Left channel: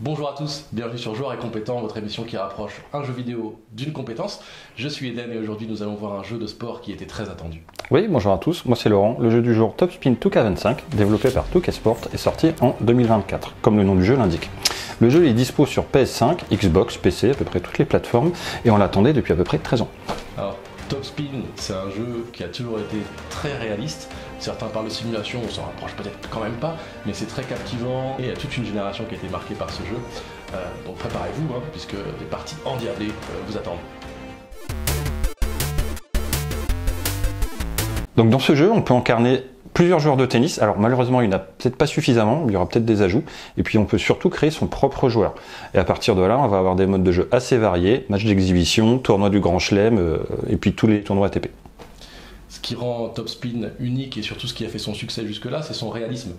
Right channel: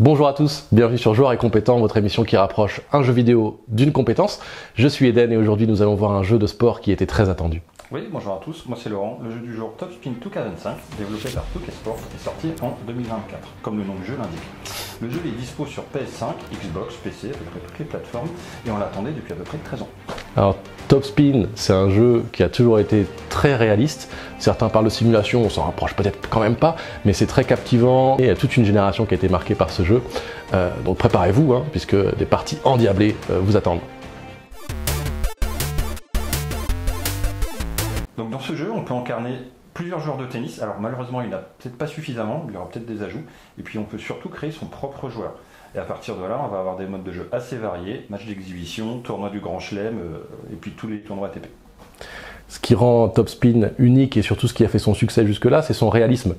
Bonjour à tous, bienvenue sur Joueurs et Compétents, votre émission qui rapproche un jeu vidéo d'une compétence. Je suis Eden et aujourd'hui nous allons voir un jeu de sport qui était très attendu. Oui, bonjour à tous, moi c'est Laurent. Le jeu du jour Top Spin 2K25, développé par 2K Sport, est sorti en 2024, comme le nom du jeu l'indique. Le jeu est dispo sur PS5, Xbox, PC, à peu près toutes les plateformes, et on l'attendait depuis à peu près 13 ans. Alors Top Spin, c'est un jeu qui a toujours été très réaliste. Certains parlent de simulation, on s'en rapproche peut-être quand même pas, mais c'est très captivant. Et il y a toute une génération qui a été marquée par ce jeu. Donc préparez-vous, puisque des parties endiablées vous attendent. Donc dans ce jeu, on peut incarner plusieurs joueurs de tennis. Alors malheureusement, il n'y en a peut-être pas suffisamment, il y aura peut-être des ajouts. Et puis on peut surtout créer son propre joueur. Et à partir de là, on va avoir des modes de jeu assez variés, matchs d'exhibition, tournois du Grand Chelem, et puis tous les tournois ATP. Ce qui rend Top Spin unique et surtout ce qui a fait son succès jusque-là, c'est son réalisme.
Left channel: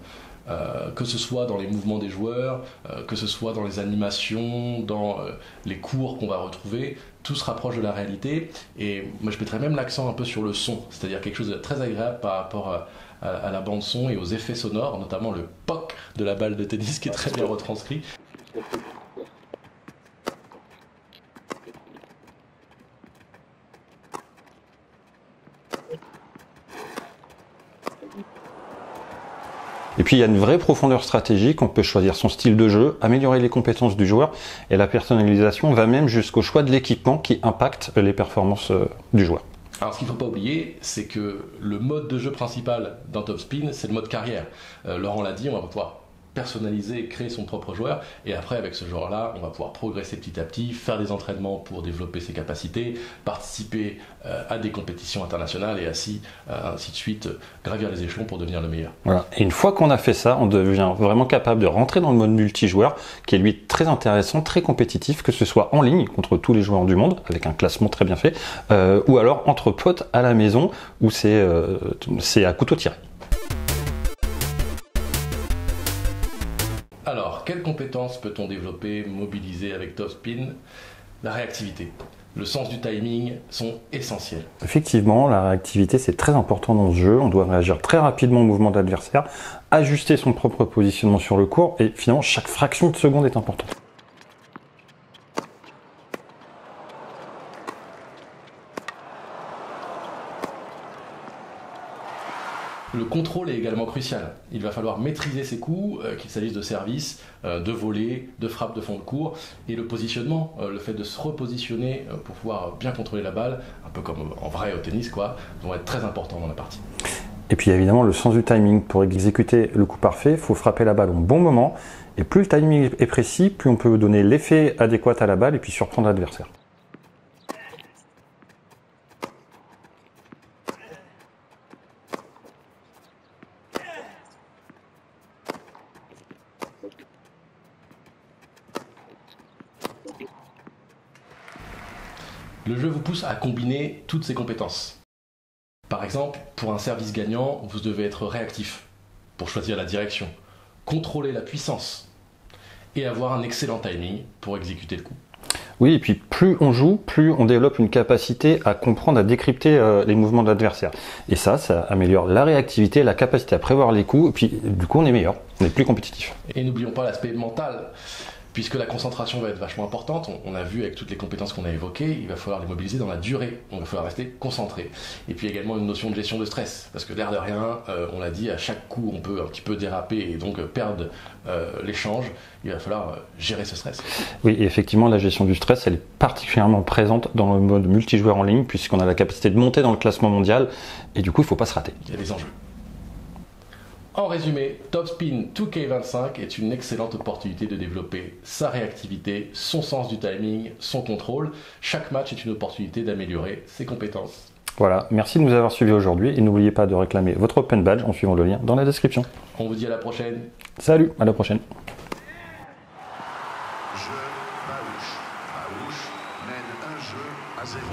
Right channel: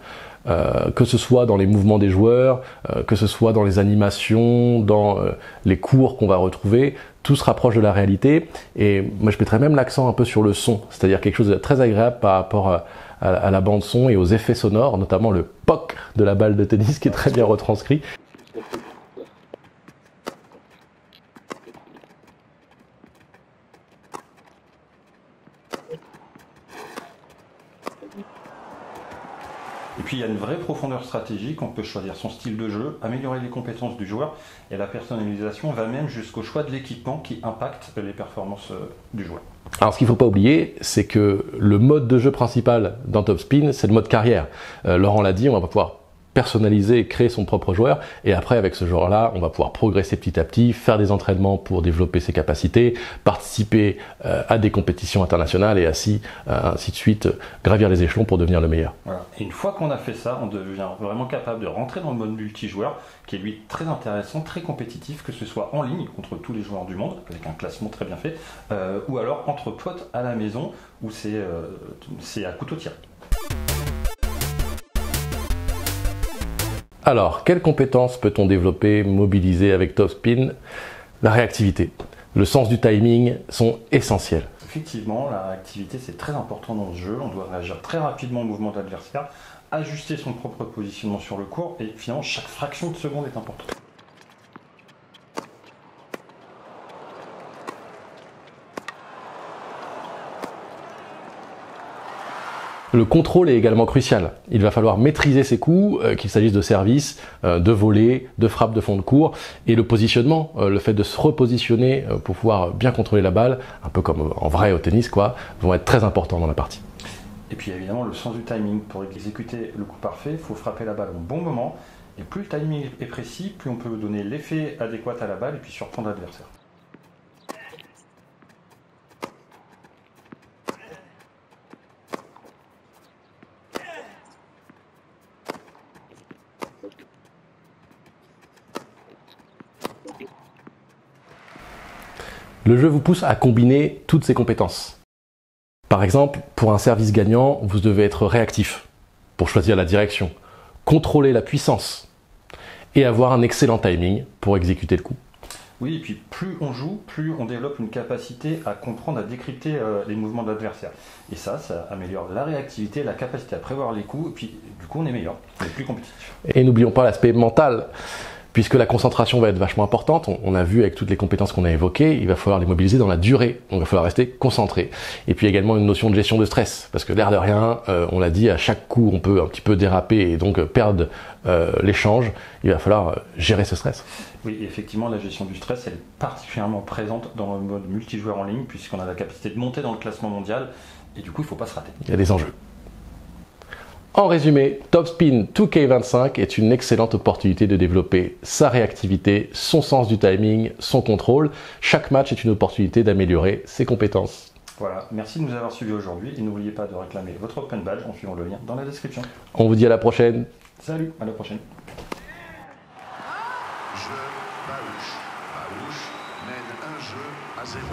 Que ce soit dans les mouvements des joueurs, que ce soit dans les animations, dans les cours qu'on va retrouver, tout se rapproche de la réalité. Et moi je mettrais même l'accent un peu sur le son, c'est-à-dire quelque chose de très agréable par rapport à la bande son et aux effets sonores, notamment le POC de la balle de tennis qui est très bien retranscrit. Et puis il y a une vraie profondeur stratégique, on peut choisir son style de jeu, améliorer les compétences du joueur, et la personnalisation va même jusqu'au choix de l'équipement qui impacte les performances du joueur. Alors ce qu'il ne faut pas oublier, c'est que le mode de jeu principal dans Top Spin, c'est le mode carrière. Laurent l'a dit, on va pouvoir personnaliser et créer son propre joueur, et après avec ce joueur-là, on va pouvoir progresser petit à petit, faire des entraînements pour développer ses capacités, participer à des compétitions internationales et ainsi de suite, gravir les échelons pour devenir le meilleur. Voilà. Et une fois qu'on a fait ça, on devient vraiment capable de rentrer dans le mode multijoueur, qui est lui très intéressant, très compétitif, que ce soit en ligne contre tous les joueurs du monde, avec un classement très bien fait, ou alors entre potes à la maison, où c'est à couteau tiré. Alors, quelles compétences peut-on développer, mobiliser avec Top Spin? La réactivité, le sens du timing sont essentiels. Effectivement, la réactivité c'est très important dans ce jeu. On doit réagir très rapidement au mouvement de l'adversaire, ajuster son propre positionnement sur le court, et finalement chaque fraction de seconde est importante. Le contrôle est également crucial. Il va falloir maîtriser ses coups, qu'il s'agisse de service, de volée, de frappe de fond de court. Et le positionnement, le fait de se repositionner pour pouvoir bien contrôler la balle, un peu comme en vrai au tennis, vont être très importants dans la partie. Et puis évidemment le sens du timing. Pour exécuter le coup parfait, il faut frapper la balle au bon moment. Et plus le timing est précis, plus on peut donner l'effet adéquat à la balle et puis surprendre l'adversaire. Le jeu vous pousse à combiner toutes ces compétences. Par exemple, pour un service gagnant, vous devez être réactif pour choisir la direction, contrôler la puissance et avoir un excellent timing pour exécuter le coup. Oui, et puis plus on joue, plus on développe une capacité à comprendre, à décrypter les mouvements de l'adversaire. Et ça améliore la réactivité, la capacité à prévoir les coups, et puis du coup on est meilleur, on est plus compétitif. Et n'oublions pas l'aspect mental. Puisque la concentration va être vachement importante, on a vu avec toutes les compétences qu'on a évoquées, il va falloir les mobiliser dans la durée, il va falloir rester concentré. Et puis également une notion de gestion de stress, parce que l'air de rien, on l'a dit, à chaque coup on peut un petit peu déraper et donc perdre l'échange, il va falloir gérer ce stress. Oui, et effectivement la gestion du stress, elle est particulièrement présente dans le mode multijoueur en ligne, puisqu'on a la capacité de monter dans le classement mondial, et du coup il ne faut pas se rater. Il y a des enjeux. En résumé, Top Spin 2K25 est une excellente opportunité de développer sa réactivité, son sens du timing, son contrôle. Chaque match est une opportunité d'améliorer ses compétences. Voilà, merci de nous avoir suivis aujourd'hui et n'oubliez pas de réclamer votre Open Badge en suivant le lien dans la description. On vous dit à la prochaine. Salut, à la prochaine. Baouche mène un jeu à 0.